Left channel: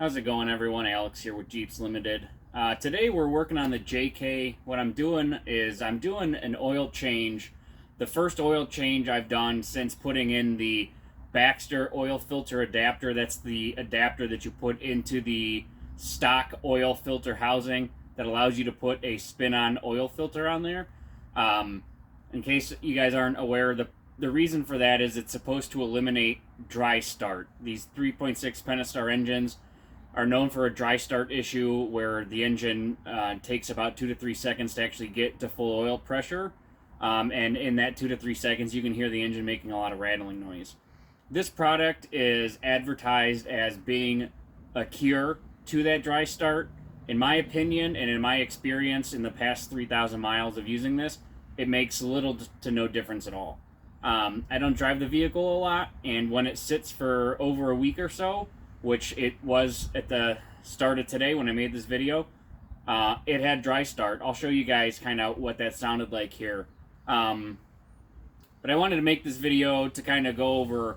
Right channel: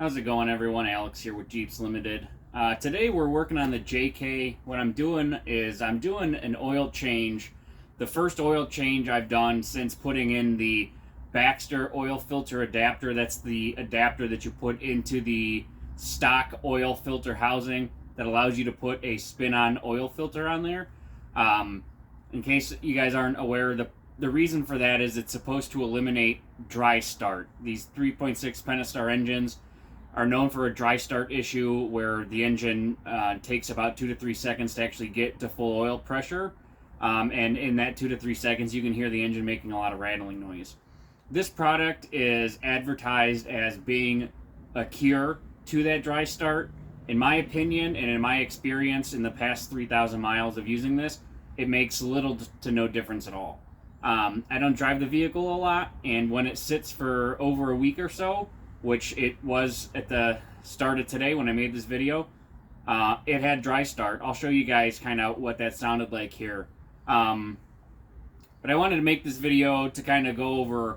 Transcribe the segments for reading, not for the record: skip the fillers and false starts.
How's it going, everyone? Alex here with Jeeps Limited. Today we're working on the JK. What I'm doing is I'm doing an oil change. The first oil change I've done since putting in the Baxter oil filter adapter. That's the adapter that you put into the stock oil filter housing that allows you to put a spin-on oil filter on there. In case you guys aren't aware, the reason for that is it's supposed to eliminate dry start. These 3.6 pentastar engines are known for a dry start issue where the engine takes about 2 to 3 seconds to actually get to full oil pressure. And in that 2 to 3 seconds, you can hear the engine making a lot of rattling noise. This product is advertised as being a cure to that dry start. In my opinion, and in my experience in the past 3,000 miles of using this, it makes little to no difference at all. I don't drive the vehicle a lot, and when it sits for over a week or so, which it was at the start of today when I made this video, it had dry start. I'll show you guys kind of what that sounded like here. But I wanted to make this video to kind of go over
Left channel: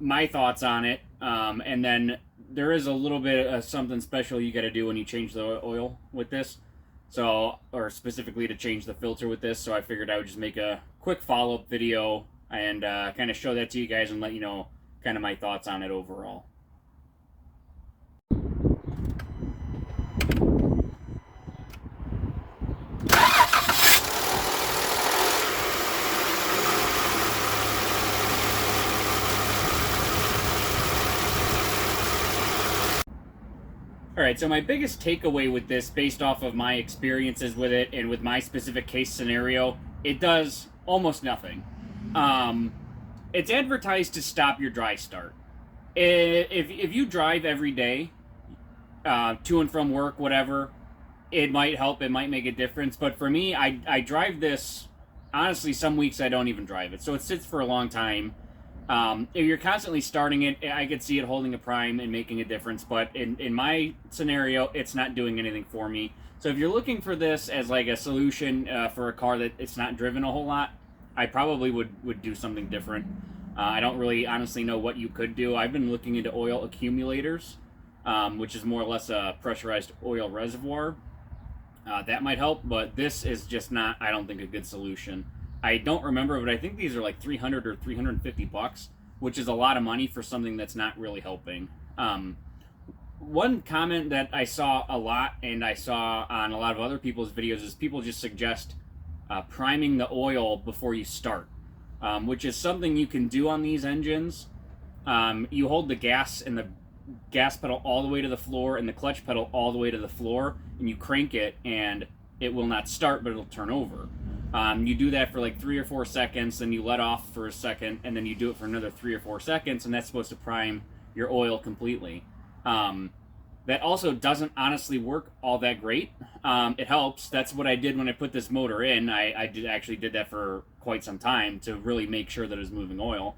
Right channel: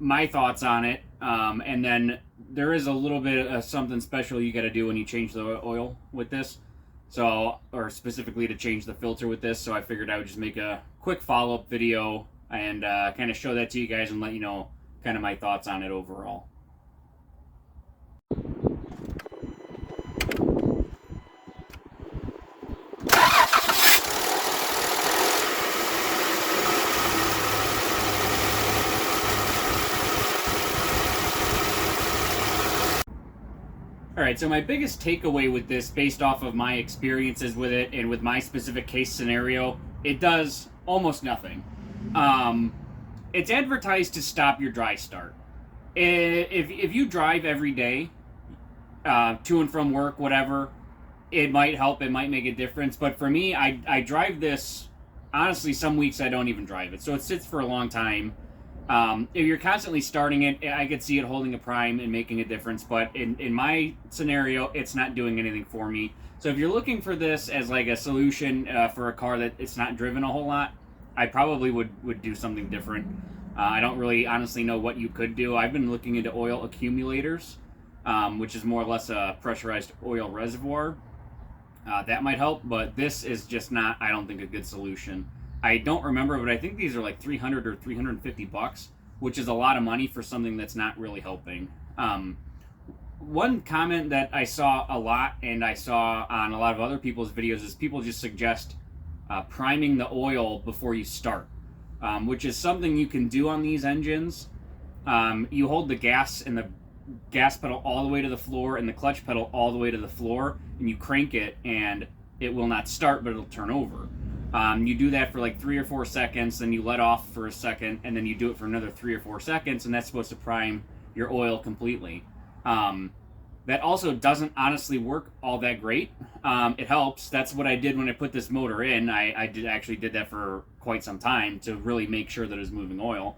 my thoughts on it, and then there is a little bit of something special you got to do when you change the oil with this, so, or specifically to change the filter with this. So I figured I would just make a quick follow-up video and kind of show that to you guys and let you know kind of my thoughts on it overall. Alright, so my biggest takeaway with this, based off of my experiences with it and with my specific case scenario, it does almost nothing. It's advertised to stop your dry start. If you drive every day, to and from work, whatever, it might help, it might make a difference. But for me, I drive this, honestly, some weeks I don't even drive it. So it sits for a long time. If you're constantly starting it, I could see it holding a prime and making a difference. But in my scenario, it's not doing anything for me. So if you're looking for this as like a solution for a car that it's not driven a whole lot, I probably would do something different. I don't really honestly know what you could do. I've been looking into oil accumulators, which is more or less a pressurized oil reservoir. That might help, but this is just not, I don't think, a good solution. I don't remember, but I think these are like 300 or 350 bucks, which is a lot of money for something that's not really helping. One comment that I saw a lot, and I saw on a lot of other people's videos, is people just suggest priming the oil before you start, which is something you can do on these engines. You hold the gas and the gas pedal all the way to the floor and the clutch pedal all the way to the floor, and you crank it, and it will not start, but it'll turn over. You do that for like 3 or 4 seconds, then you let off for a second, and then you do it for another 3 or 4 seconds, and that's supposed to prime your oil completely. That also doesn't honestly work all that great. It helps. That's what I did when I put this motor in. I actually did that for quite some time to really make sure that it was moving oil.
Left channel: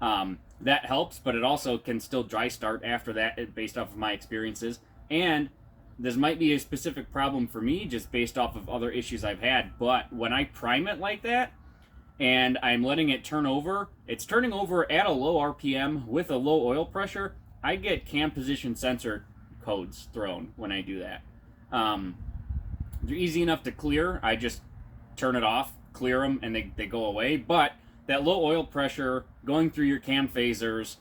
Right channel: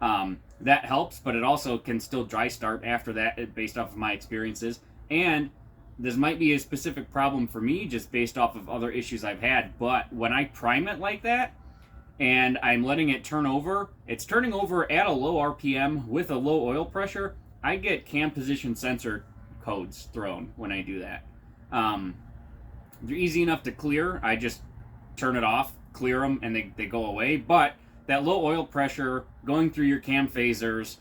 That helps, but it also can still dry start after that, based off of my experiences. And this might be a specific problem for me just based off of other issues I've had, but when I prime it like that and I'm letting it turn over, it's turning over at a low RPM with a low oil pressure. I get cam position sensor codes thrown when I do that. They're easy enough to clear. I just turn it off, clear them, and they go away. But that low oil pressure going through your cam phasers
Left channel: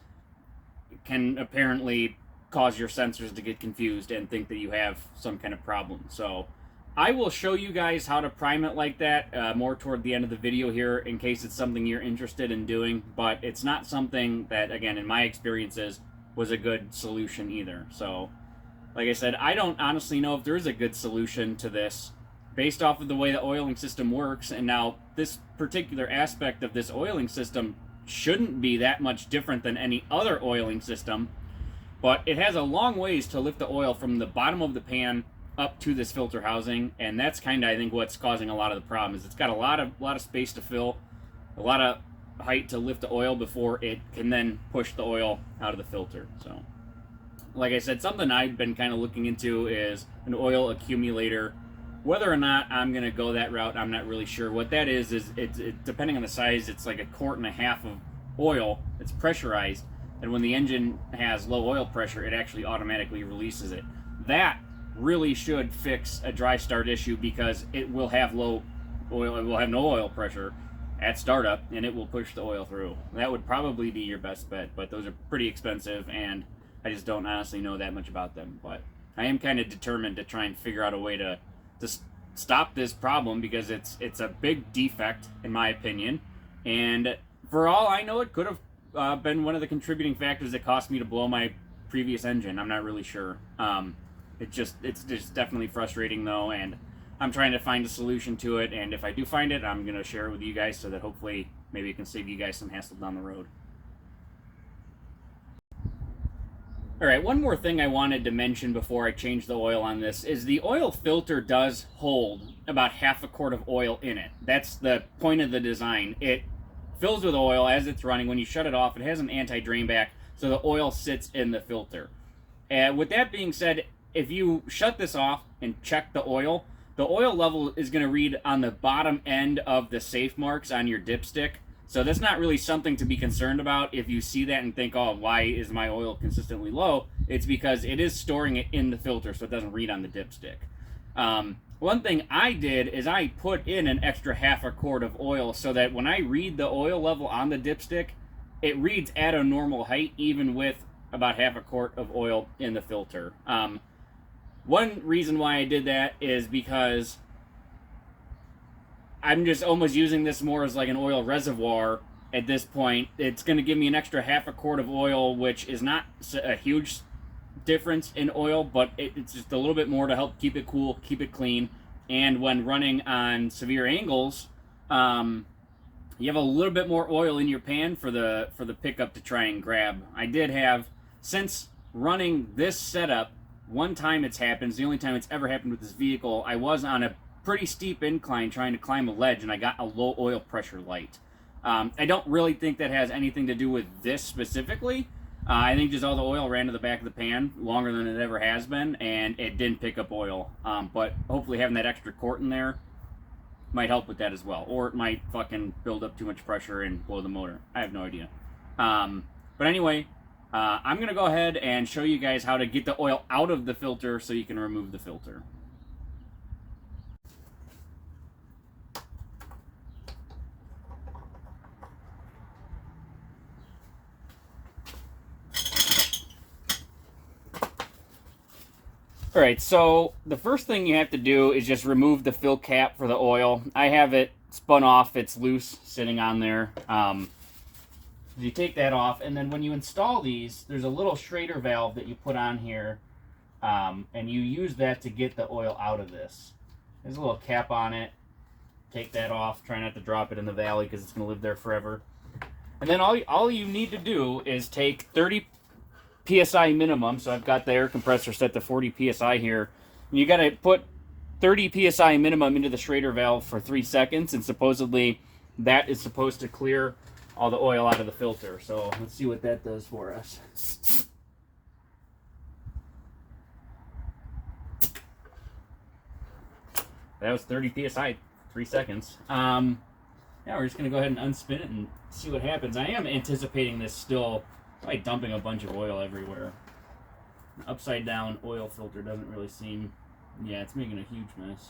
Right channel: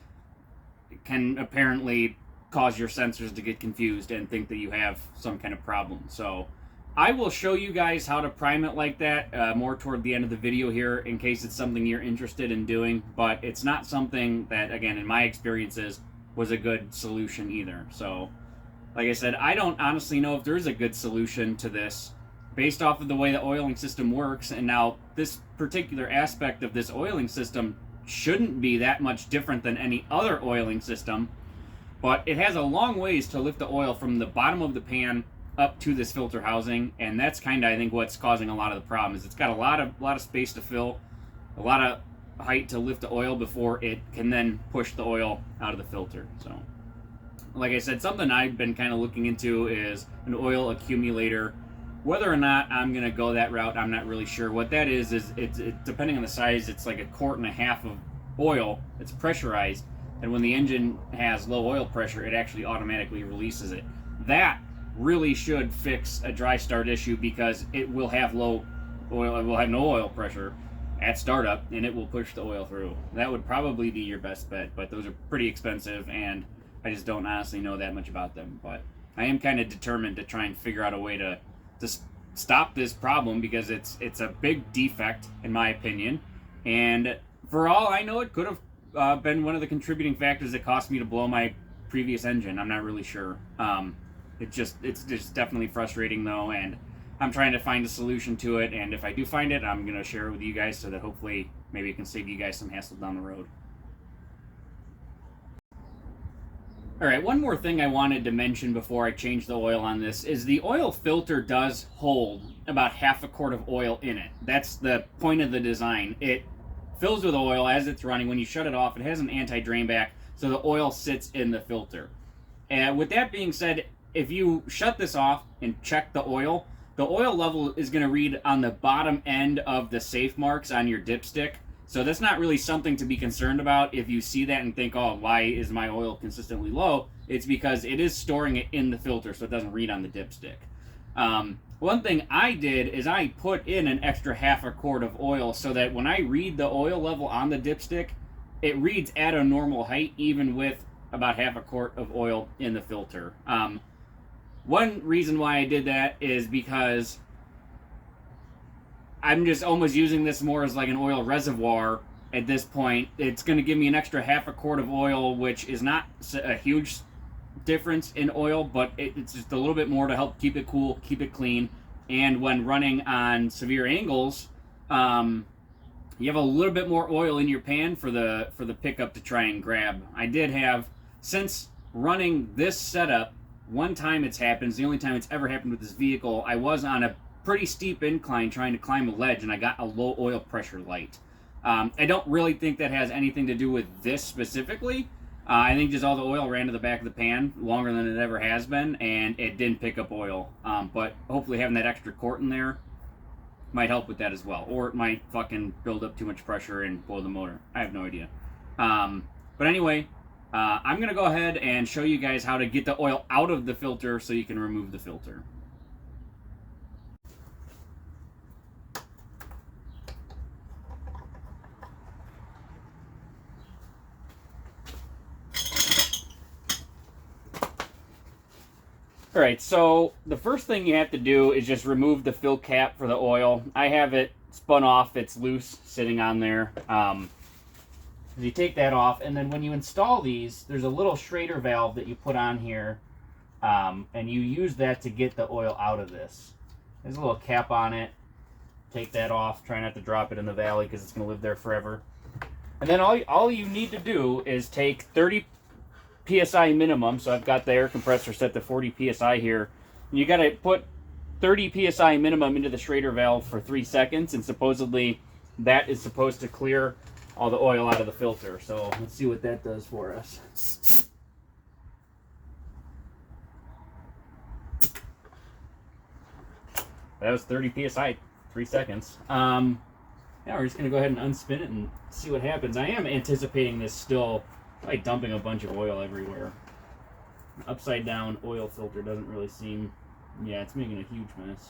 can apparently cause your sensors to get confused and think that you have some kind of problem. So I will show you guys how to prime it like that more toward the end of the video here, in case it's something you're interested in doing. But it's not something that, again, in my experiences, was a good solution either. So like I said, I don't honestly know if there's a good solution to this based off of the way the oiling system works. And now this particular aspect of this oiling system shouldn't be that much different than any other oiling system, but it has a long ways to lift the oil from the bottom of the pan up to this filter housing, and that's kind of, I think, what's causing a lot of the problems. It's got a lot of space to fill, a lot of height to lift the oil before it can then push the oil out of the filter. So, like I said, something I've been kind of looking into is an oil accumulator. Whether or not I'm going to go that route, I'm not really sure. What that is it's depending on the size, it's like 1.5 quarts of oil. It's pressurized. and when the engine has low oil pressure, it actually automatically releases it. That really should fix a dry start issue, because it will have low oil, it will have no oil pressure at startup, and it will push the oil through. That would probably be your best bet, but those are pretty expensive, and I just don't honestly know that much about them. But I am kind of determined to try and figure out a way to stop this problem, because it's a big defect in my opinion, and for all I know, it could have been one of the contributing factors that cost me to blow my previous engine. I'm not really sure. It's just definitely frustrating though, and I'm trying to find a solution to it, and if I do find it, I'm going to share it with you guys so that hopefully maybe it can save you guys some hassle down the road. Alright, one more thing I wanted to mention before I change the oil on this is the oil filter does hold about half a quart of oil in it. That's the point of the design. It fills with oil as it's running. When you shut it off, it has an anti-drain back, so the oil sits in the filter. And with that being said, if you shut this off and check the oil level is going to read on the bottom end of the safe marks on your dipstick. So that's not really something to be concerned about if you see that and think, oh, why is my oil consistently low? It's because it is storing it in the filter, so it doesn't read on the dipstick. One thing I did is I put in an extra half a quart of oil so that when I read the oil level on the dipstick, it reads at a normal height, even with about half a quart of oil in the filter. One reason why I did that is because I'm just almost using this more as like an oil reservoir at this point. It's going to give me an extra half a quart of oil, which is not a huge difference in oil, but it's just a little bit more to help keep it cool, keep it clean. And when running on severe angles, you have a little bit more oil in your pan for the pickup to try and grab. I did have, since running this setup, one time it's happened, it's the only time it's ever happened with this vehicle. I was on a pretty steep incline trying to climb a ledge, and I got a low oil pressure light. I don't really think that has anything to do with this specifically. I think just all the oil ran to the back of the pan longer than it ever has been, and it didn't pick up oil. But hopefully having that extra quart in there might help with that as well. Or it might fucking build up too much pressure and blow the motor. I have no idea. But anyway, I'm going to go ahead and show you guys how to get the oil out of the filter so you can remove the filter. Alright, so the first thing you have to do is just remove the fill cap for the oil. I have it spun off, it's loose, sitting on there. You take that off, and then when you install these, there's a little Schrader valve that you put on here, and you use that to get the oil out of this. There's a little cap on it. Take that off, try not to drop it in the valley because it's going to live there forever. And then all you need to do is take 30 PSI minimum, so I've got the air compressor set to 40 PSI here. And you got to put 30 PSI minimum into the Schrader valve for 3 seconds, and supposedly that is supposed to clear all the oil out of the filter. So let's see what that does for us. That was 30 PSI, 3 seconds. Now we're just going to go ahead and unspin it and see what happens. I am anticipating this still by dumping a bunch of oil everywhere. Upside down oil filter doesn't really seem, yeah, it's making a huge mess.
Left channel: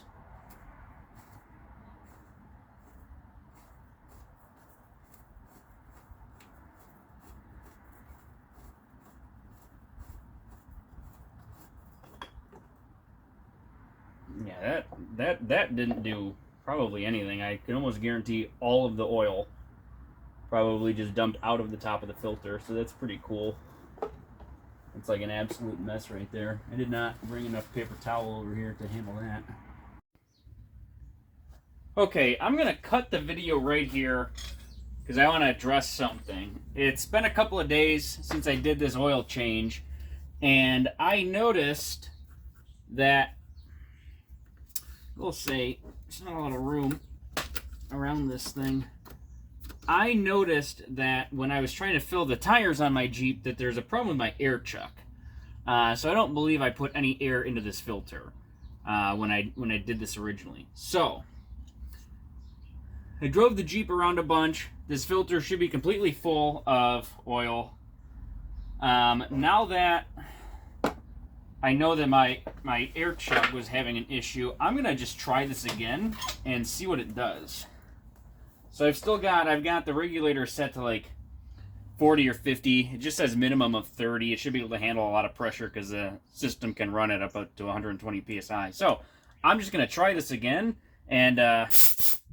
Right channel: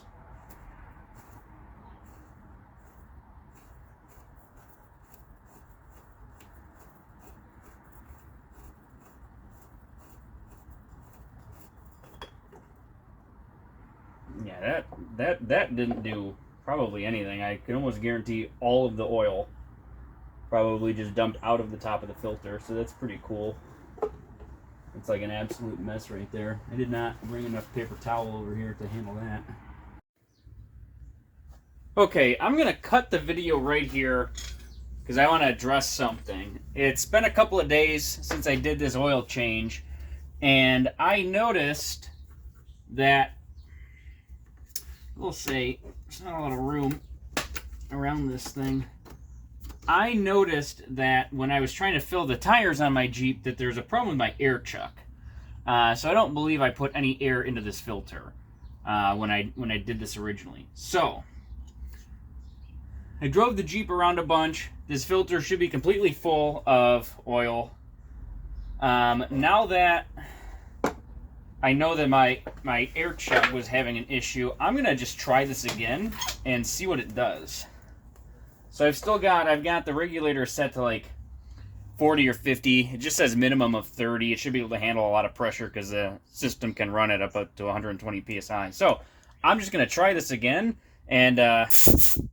Yeah, that didn't do probably anything. I can almost guarantee all of the oil probably just dumped out of the top of the filter, so that's pretty cool. It's like an absolute mess right there. I did not bring enough paper towel over here to handle that. Okay, I'm gonna cut the video right here because I want to address something. It's been a couple of days since I did this oil change, and I noticed that, we'll say, there's not a lot of room around this thing. I noticed that when I was trying to fill the tires on my Jeep that there's a problem with my air chuck. So I don't believe I put any air into this filter when I did this originally. So I drove the Jeep around a bunch. This filter should be completely full of oil. Now that I know that my air check was having an issue, I'm gonna just try this again and see what it does. So I've got the regulator set to like 40 or 50. It just says minimum of 30. It should be able to handle a lot of pressure because the system can run it up to 120 psi. So I'm just gonna try this again and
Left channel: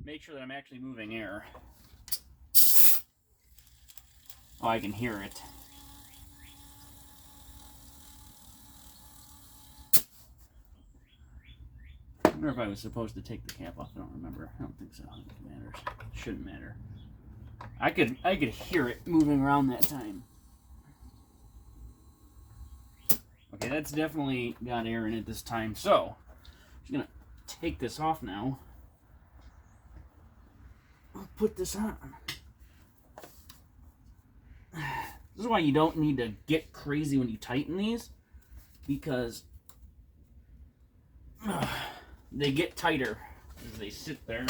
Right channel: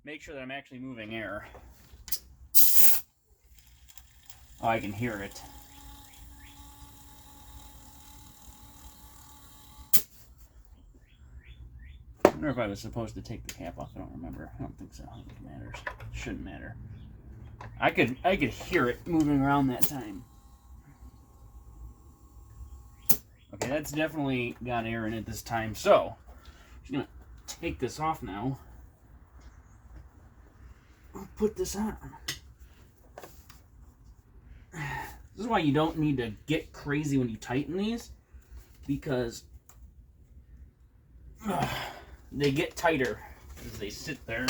make sure that I'm actually moving air. Oh, I can hear it. I wonder if I was supposed to take the cap off. I don't remember. I don't think so. I don't think it matters. It shouldn't matter. I could hear it moving around that time. Okay, that's definitely got air in it this time. So, I'm just gonna take this off now. I'll put this on. This is why you don't need to get crazy when you tighten these, because they get tighter as they sit there.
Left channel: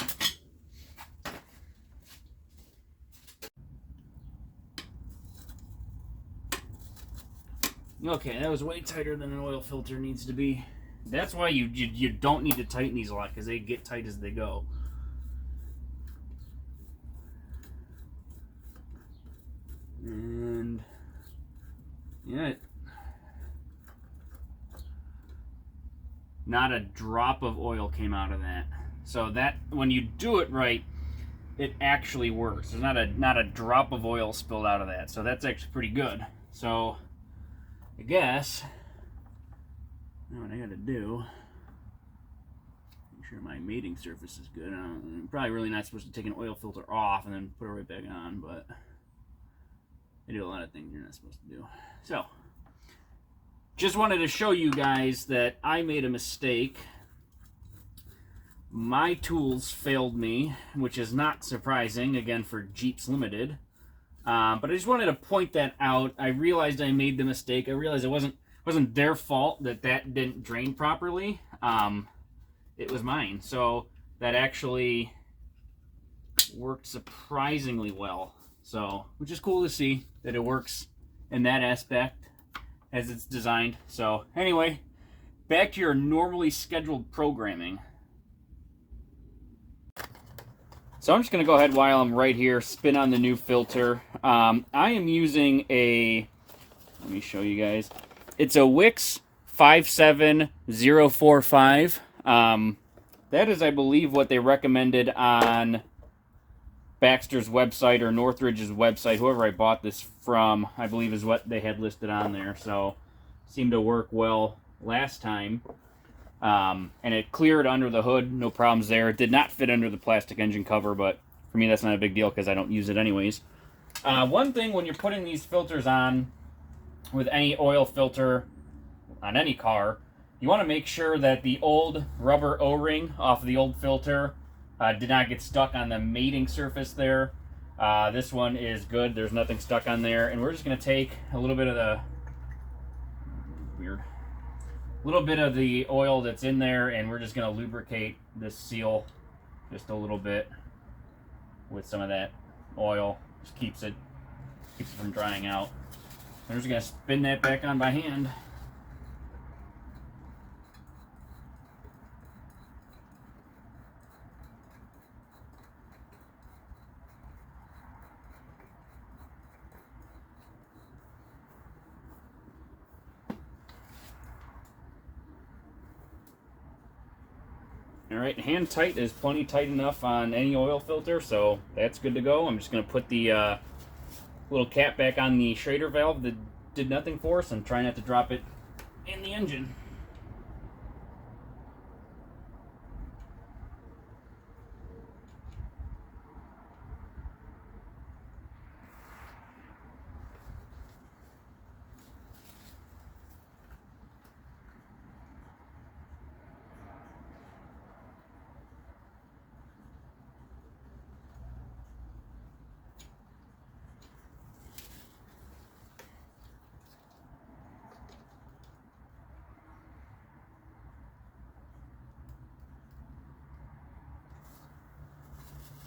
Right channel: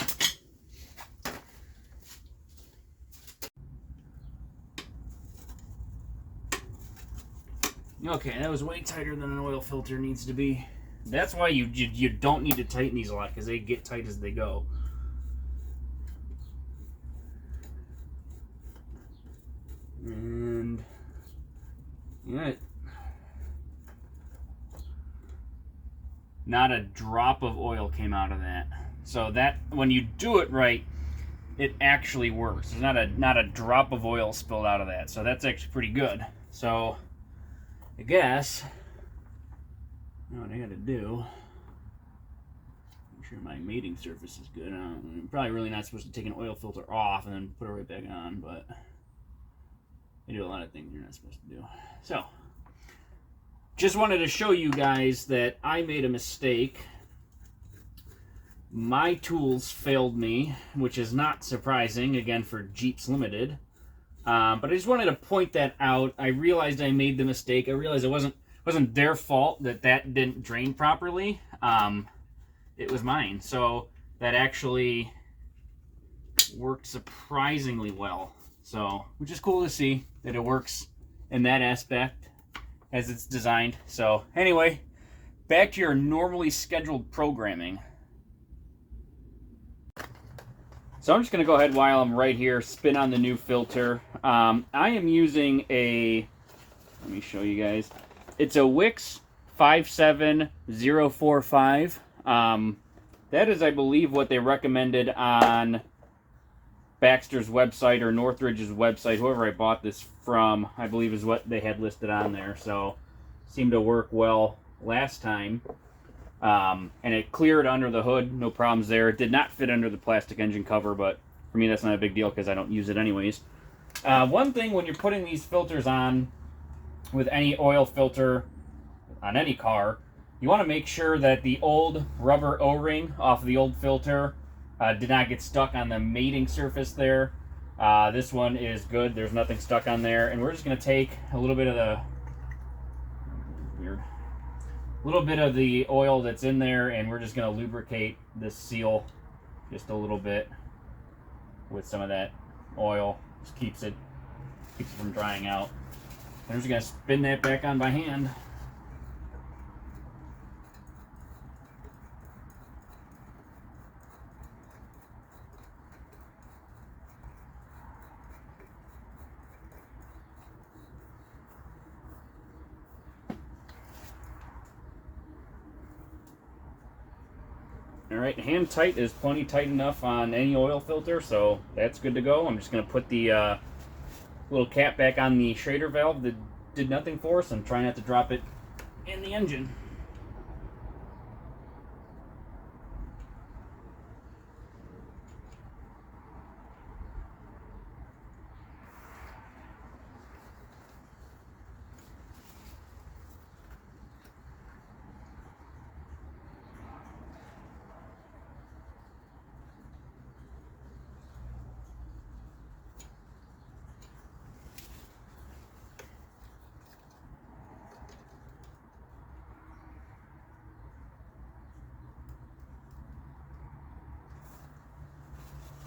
Okay, that was way tighter than an oil filter needs to be. That's why you don't need to tighten these a lot, because they get tight as they go. And yeah, not a drop of oil came out of that. So that when you do it right, it actually works. There's not a drop of oil spilled out of that. So that's actually pretty good. So I guess what I got to do, make sure my mating surface is good. I'm probably really not supposed to take an oil filter off and then put it right back on, but they do a lot of things you're not supposed to do. So, just wanted to show you guys that I made a mistake. My tools failed me, which is not surprising, again, for Jeeps Limited. But I just wanted to point that out. I realized I made the mistake. I realized it wasn't their fault that didn't drain properly. It was mine. So that actually worked surprisingly well. So, which is cool to see that it works in that aspect as it's designed. So anyway, back to your normally scheduled programming. So I'm just going to go ahead while I'm right here, spin on the new filter. I am using let me show you guys. It's a Wix 57045. That is, I believe, what they recommended on Baxter's website or Northridge's website. Whoever I bought this from, I believe, is what they had listed on there. So seemed to work well last time. And it cleared under the hood, no problems there. It did not fit under the plastic engine cover, but for me that's not a big deal because I don't use it anyways. One thing when you're putting these filters on with any oil filter on any car, you want to make sure that the old rubber O-ring off of the old filter did not get stuck on the mating surface there. This one is good. There's nothing stuck on there. And we're just going to take a little bit of the oil that's in there, and we're just going to lubricate this seal just a little bit with some of that oil. Just keeps it from drying out. And we're just going to spin that back on by hand. Alright, hand tight is plenty tight enough on any oil filter, so that's good to go. I'm just going to put the little cap back on the Schrader valve that did nothing for us and try not to drop it in the engine.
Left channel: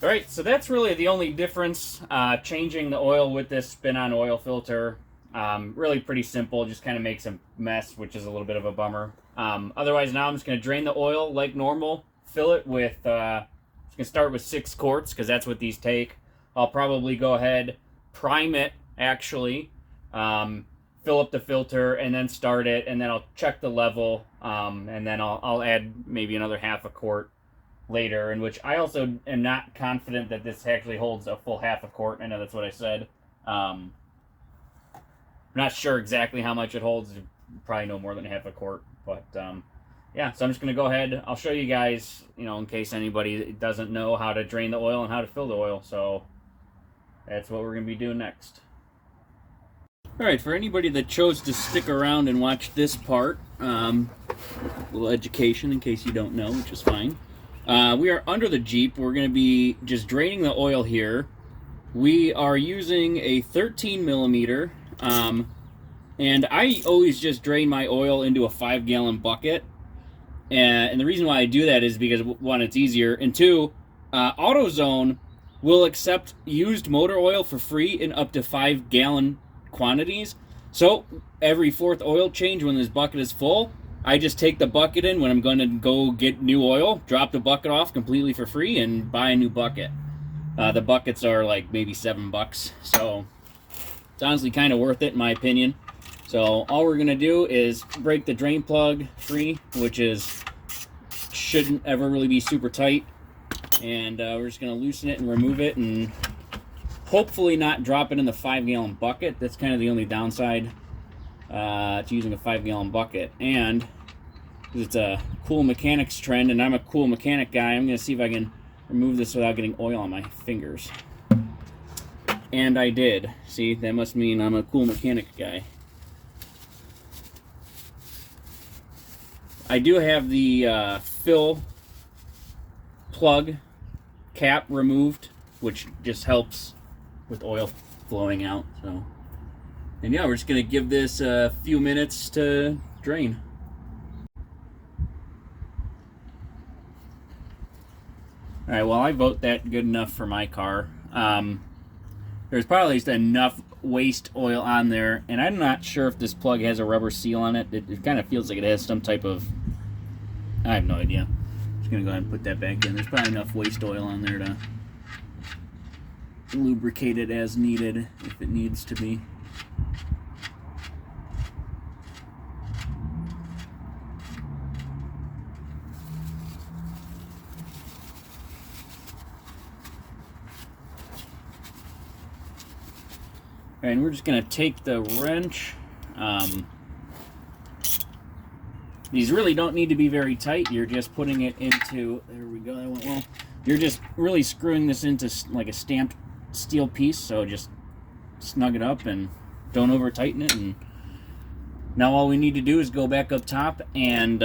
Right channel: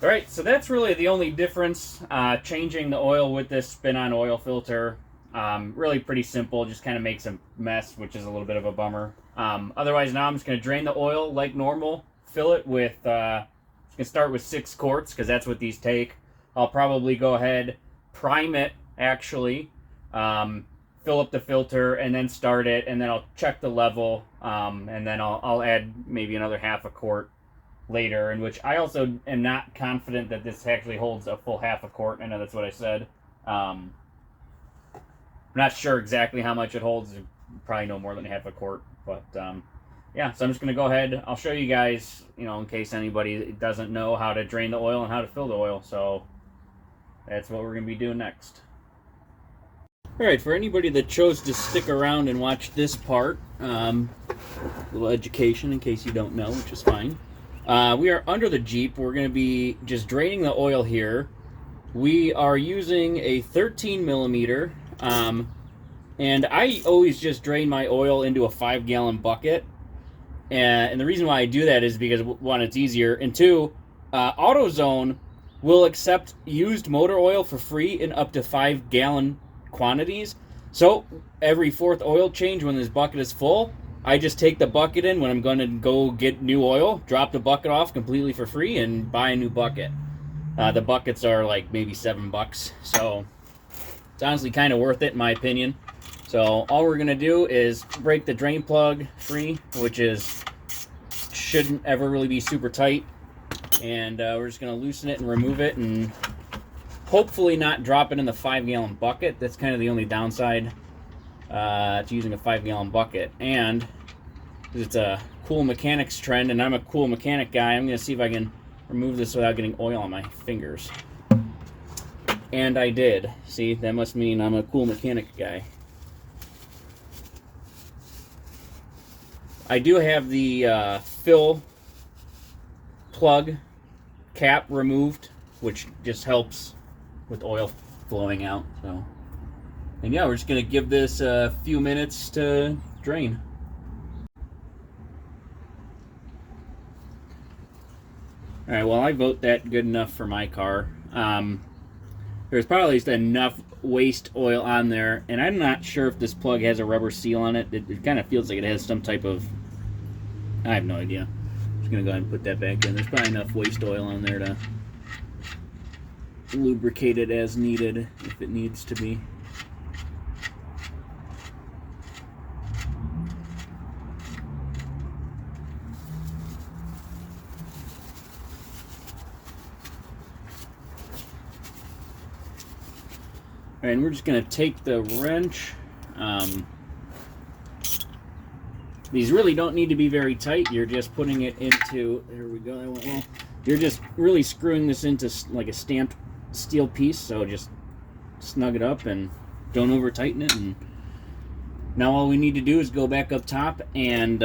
Alright, so that's really the only difference, changing the oil with this spin-on oil filter. Really pretty simple, just kind of makes a mess, which is a little bit of a bummer. Otherwise, now I'm just going to drain the oil like normal, fill it with, I'm just going to start with 6 quarts, because that's what these take. I'll probably go ahead, prime it, actually, fill up the filter, and then start it, and then I'll check the level, and then I'll add maybe another half a quart later, in which I also am not confident that this actually holds a full half a quart. I know that's what I said. I'm not sure exactly how much it holds. Probably no more than half a quart, but yeah, so I'm just going to go ahead. I'll show you guys, in case anybody doesn't know how to drain the oil and how to fill the oil. So that's what we're going to be doing next. Alright, for anybody that chose to stick around and watch this part, a little education in case you don't know, which is fine. We are under the Jeep. We're going to be just draining the oil here. We are using a 13 millimeter, and I always just drain my oil into a 5-gallon bucket. And the reason why I do that is because, one, it's easier, and two, AutoZone will accept used motor oil for free in up to 5-gallon quantities. So every 4th oil change, when this bucket is full, I just take the bucket in when I'm going to go get new oil, drop the bucket off completely for free, and buy a new bucket. The buckets are like maybe $7, so it's honestly kind of worth it in my opinion. So all we're going to do is break the drain plug free, which shouldn't ever really be super tight, and we're just going to loosen it and remove it, and hopefully not drop it in the 5-gallon bucket. That's kind of the only downside to using a 5-gallon bucket. And it's a cool mechanics trend, and I'm a cool mechanic guy, I'm going to see if I can remove this without getting oil on my fingers. And I did. See, that must mean I'm a cool mechanic guy. I do have the fill plug cap removed, which just helps with oil flowing out. So, and yeah, we're just gonna give this a few minutes to drain. All right, well, I vote that good enough for my car. There's probably just enough waste oil on there, and I'm not sure if this plug has a rubber seal on it. It kind of feels like it has some type of, I have no idea. I'm just gonna go ahead and put that back in. There's probably enough waste oil on there to lubricate it as needed if it needs to be. And we're just going to take the wrench. These really don't need to be very tight. You're just putting it into, there we go, that went well. You're just really screwing this into like a stamped steel piece, so just snug it up and don't over tighten it. And now all we need to do is go back up top and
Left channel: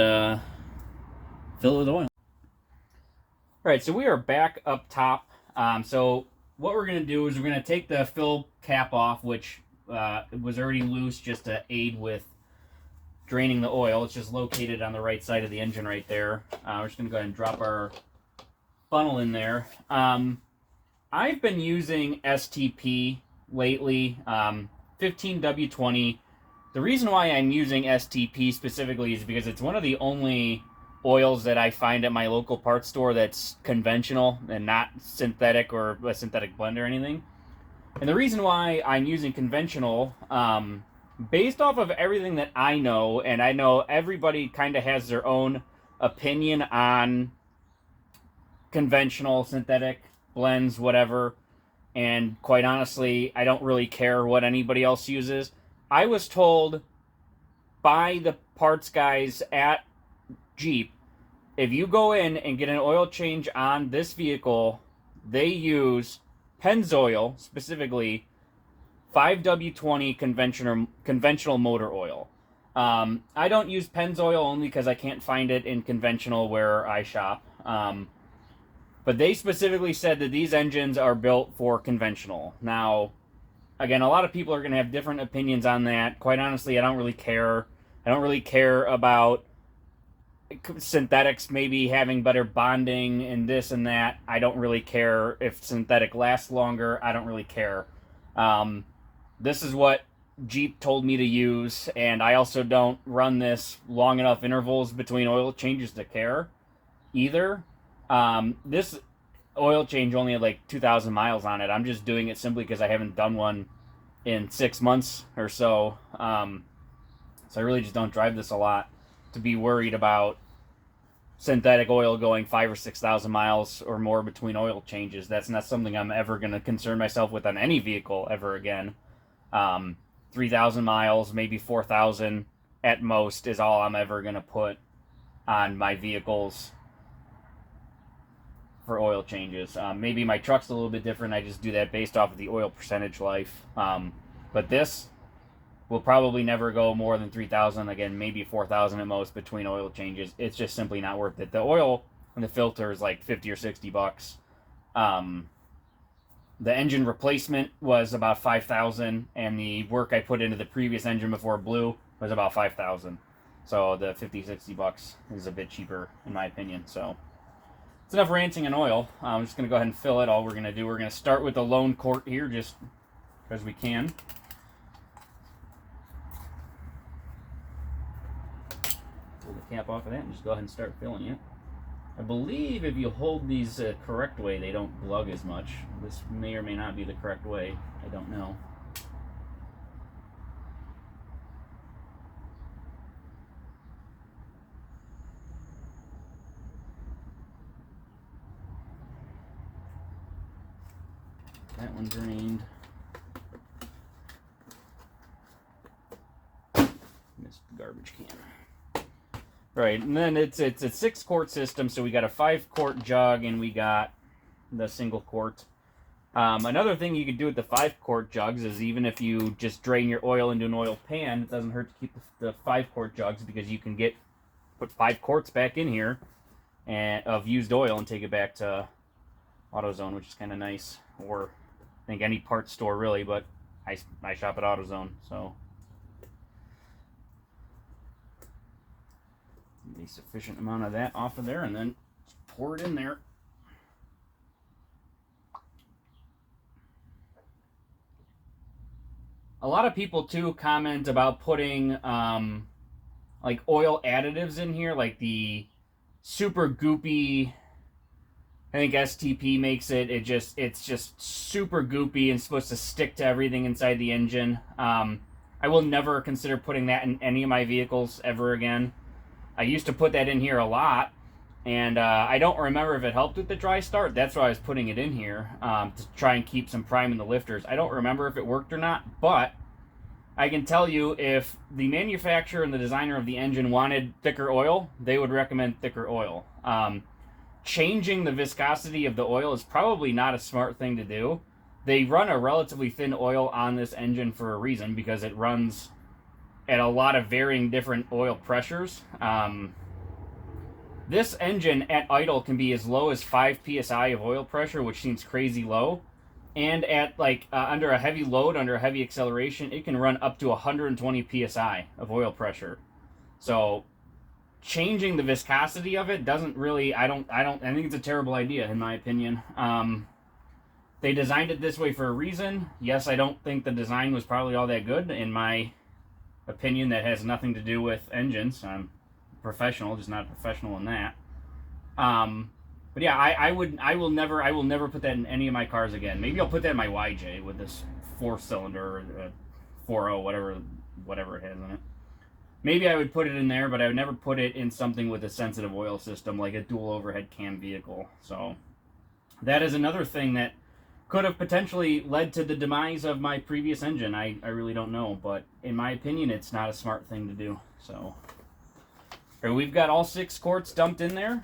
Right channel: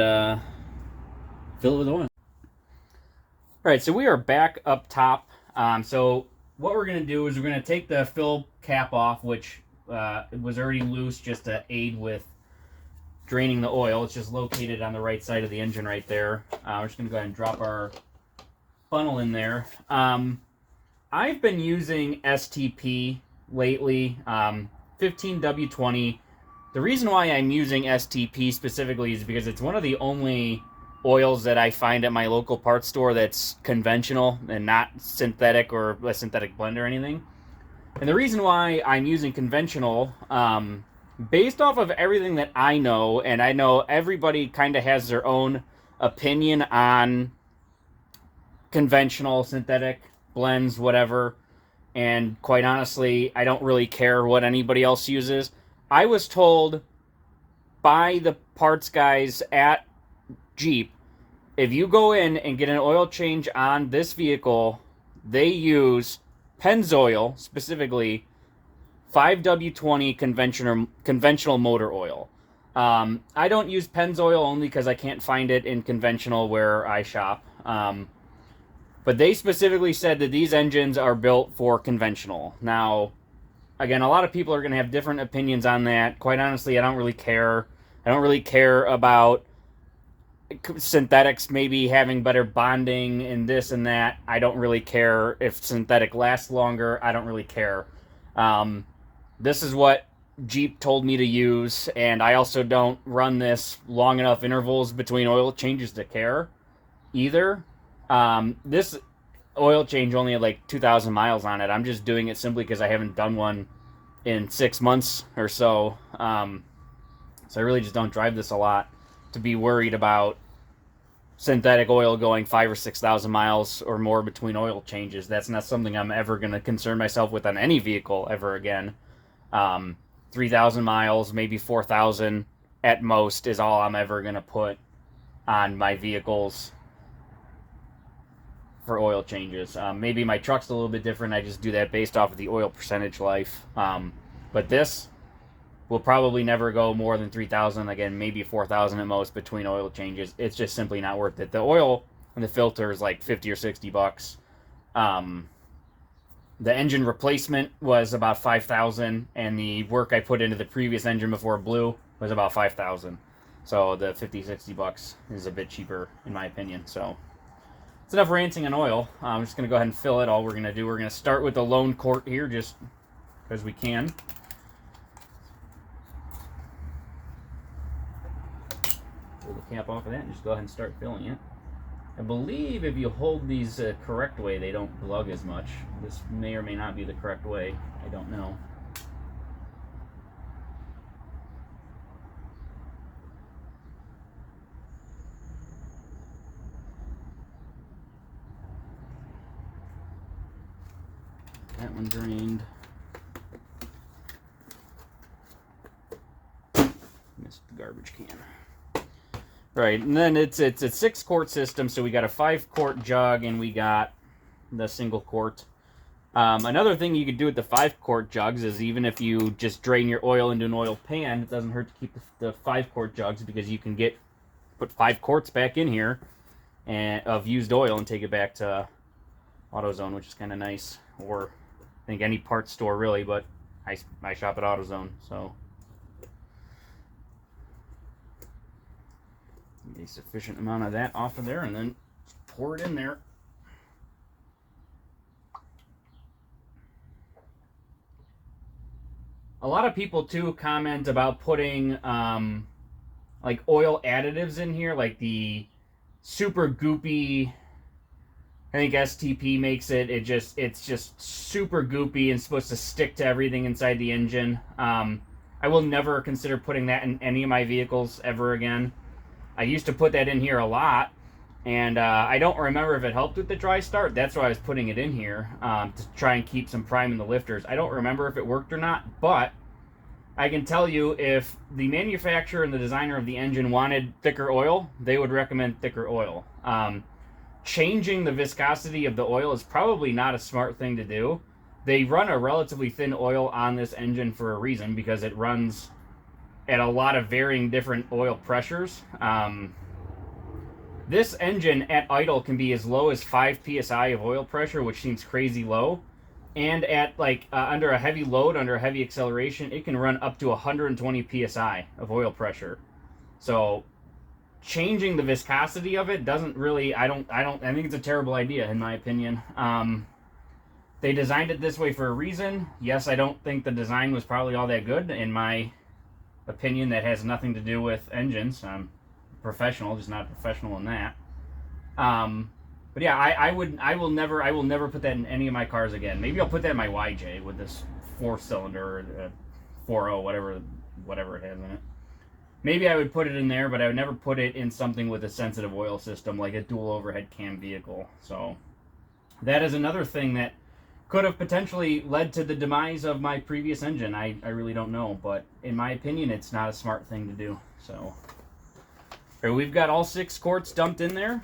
fill it with oil. Alright, so we are back up top. So what we're going to do is we're going to take the fill cap off, which was already loose just to aid with draining the oil. It's just located on the right side of the engine right there. We're just going to go ahead and drop our funnel in there. I've been using STP lately, 15W20. The reason why I'm using STP specifically is because it's one of the only oils that I find at my local parts store that's conventional and not synthetic or a synthetic blend or anything. And the reason why I'm using conventional, based off of everything that I know, and I know everybody kind of has their own opinion on conventional, synthetic, blends, whatever, and quite honestly, I don't really care what anybody else uses. I was told by the parts guys at Jeep, if you go in and get an oil change on this vehicle, they use Pennzoil, specifically 5W20 conventional motor oil. I don't use Pennzoil only because I can't find it in conventional where I shop. But they specifically said that these engines are built for conventional. Now, again, a lot of people are going to have different opinions on that. Quite honestly, I don't really care. I don't really care about synthetics maybe having better bonding and this and that. I don't really care if synthetic lasts longer. I don't really care. This is what Jeep told me to use, and I also don't run this long enough intervals between oil changes to care either. This oil change only had like 2,000 miles on it. I'm just doing it simply because I haven't done one in 6 months or so. So I really just don't drive this a lot to be worried about synthetic oil going 5,000 or 6,000 miles or more between oil changes. That's not something I'm ever going to concern myself with on any vehicle ever again. 3,000 miles, maybe 4,000 at most is all I'm ever going to put on my vehicles for oil changes. Maybe my truck's a little bit different. I just do that based off of the oil percentage life. But this will probably never go more than 3,000. Again, maybe 4,000 at most between oil changes. It's just simply not worth it. The oil and the filter is like 50 or 60 bucks. The engine replacement was about 5,000, and the work I put into the previous engine before it blew was about 5,000. So the 50, 60 bucks is a bit cheaper in my opinion. So it's enough ranting on oil. I'm just going to go ahead and fill it. All we're going to do, we're going to start with the lone quart here just because we can. Pull the cap off of that and just go ahead and start filling it. I believe if you hold these correct way, they don't glug as much. This may or may not be the correct way. I don't know. That one drained. Missed the garbage can. Right, and then it's a 6-quart system, so we got a 5-quart jug and we got the single quart. Another thing you could do with the 5-quart jugs is even if you just drain your oil into an oil pan, it doesn't hurt to keep the 5-quart jugs because you can put 5 quarts back in here of used oil and take it back to AutoZone, which is kind of nice. Or I think any parts store really, but I shop at AutoZone, so. Get a sufficient amount of that off of there and then pour it in there. A lot of people too comment about putting like oil additives in here, like the super goopy, I think STP makes it. It's just super goopy and supposed to stick to everything inside the engine. I will never consider putting that in any of my vehicles ever again. I used to put that in here a lot, and I don't remember if it helped with the dry start. That's why I was putting it in here, to try and keep some prime in the lifters. I don't remember if it worked or not, but I can tell you if the manufacturer and the designer of the engine wanted thicker oil, they would recommend thicker oil. Changing the viscosity of the oil is probably not a smart thing to do. They run a relatively thin oil on this engine for a reason, because it runs at a lot of varying different oil pressures. This engine at idle can be as low as 5 psi of oil pressure, which seems crazy low. And at like under a heavy load, under a heavy acceleration, it can run up to 120 psi of oil pressure. So changing the viscosity of it doesn't really, I think it's a terrible idea in my opinion. They designed it this way for a reason. Yes, I don't think the design was probably all that good in my opinion. That has nothing to do with engines. I'm professional, just not professional in that. But yeah, I will never put that in any of my cars again. Maybe I'll put that in my YJ with this 4-cylinder, 4.0, whatever it has in it. Maybe I would put it in there, but I would never put it in something with a sensitive oil system like a dual overhead cam vehicle. So that is another thing that could have potentially led to the demise of my previous engine. I really don't know, but in my opinion, it's not a smart thing to do. So we've got all 6 quarts dumped in there.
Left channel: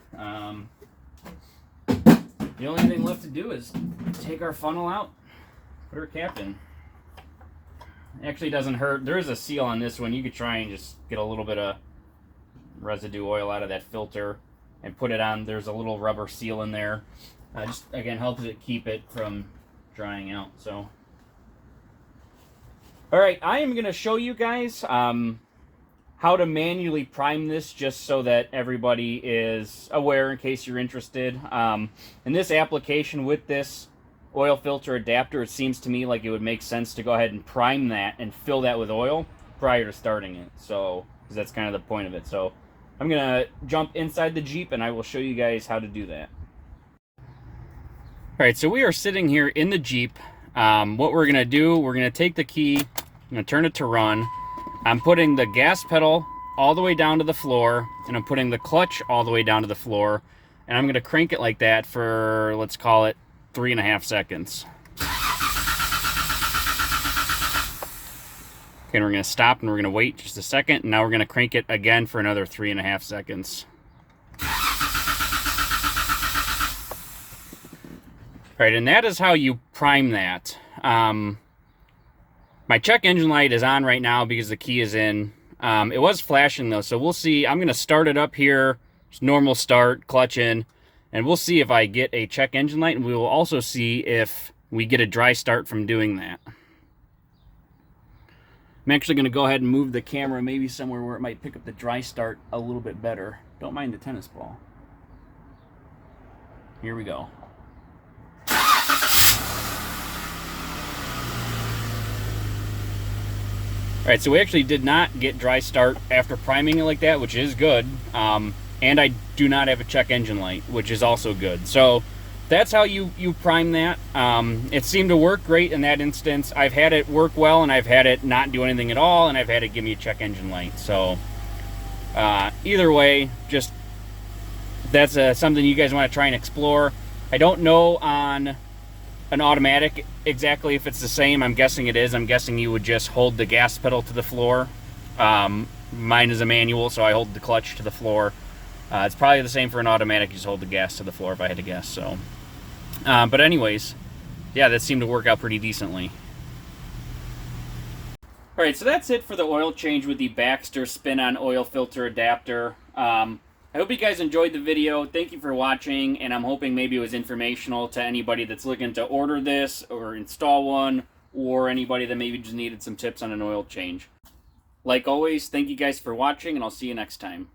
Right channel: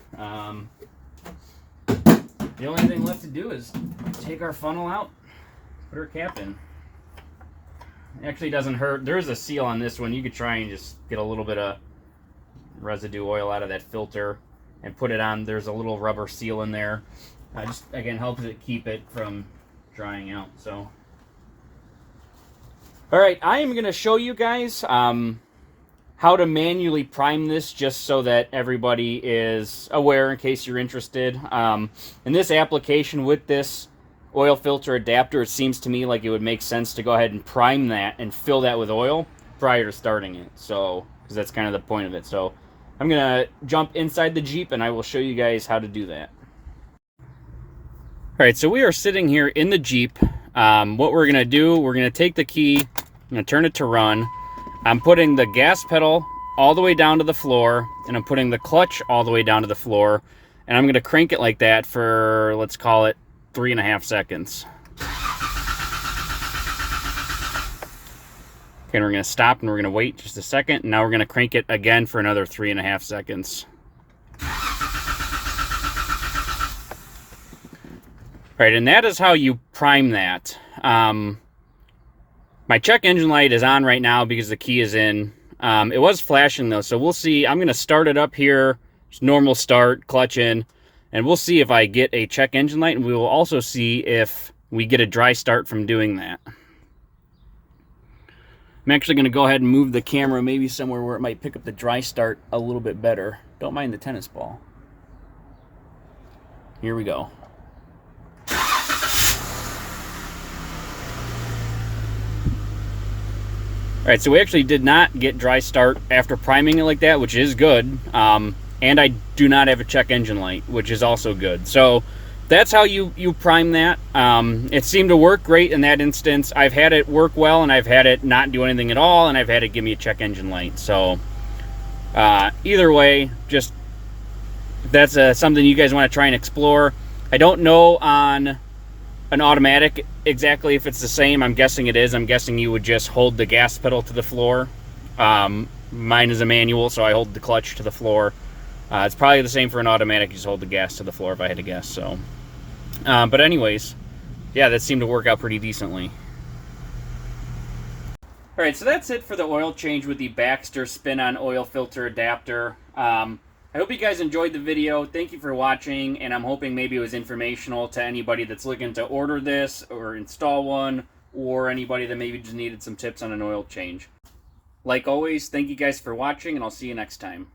The only thing left to do is take our funnel out, put our cap in. It actually doesn't hurt. There is a seal on this one. You could try and just get a little bit of residue oil out of that filter and put it on. There's a little rubber seal in there. Just, again, helps it keep it from drying out. So, all right, I am going to show you guys how to manually prime this, just so that everybody is aware in case you're interested. In this application with this oil filter adapter, it seems to me like it would make sense to go ahead and prime that and fill that with oil prior to starting it. So, because that's kind of the point of it. So I'm gonna jump inside the Jeep and I will show you guys how to do that. All right, so we are sitting here in the Jeep. What we're gonna do, we're gonna take the key, I'm gonna turn it to run. I'm putting the gas pedal all the way down to the floor, and I'm putting the clutch all the way down to the floor, and I'm gonna crank it like that for, let's call it 3.5 seconds. Okay, and we're gonna stop and we're gonna wait just a second, and now we're gonna crank it again for another 3.5 seconds. All right, and that is how you prime that. My check engine light is on right now because the key is in. It was flashing though, so we'll see. I'm gonna start it up here, just normal start, clutch in, and we'll see if I get a check engine light, and we will also see if we get a dry start from doing that. I'm actually gonna go ahead and move the camera maybe somewhere where it might pick up the dry start a little bit better. Don't mind the tennis ball. Here we go. All right, so we actually did not get dry start after priming it like that, which is good. And I do not have a check engine light, which is also good. So that's how you prime that. It seemed to work great in that instance. I've had it work well, and I've had it not do anything at all, and I've had it give me a check engine light. So either way, just that's something you guys want to try and explore. I don't know on an automatic exactly if it's the same. I'm guessing it is. I'm guessing you would just hold the gas pedal to the floor. Mine is a manual, so I hold the clutch to the floor. It's probably the same for an automatic. You just hold the gas to the floor if I had to guess. So, but anyways, yeah, that seemed to work out pretty decently. All right, so that's it for the oil change with the Baxter spin-on oil filter adapter. I hope you guys enjoyed the video. Thank you for watching, and I'm hoping maybe it was informational to anybody that's looking to order this or install one, or anybody that maybe just needed some tips on an oil change. Like always, thank you guys for watching, and I'll see you next time.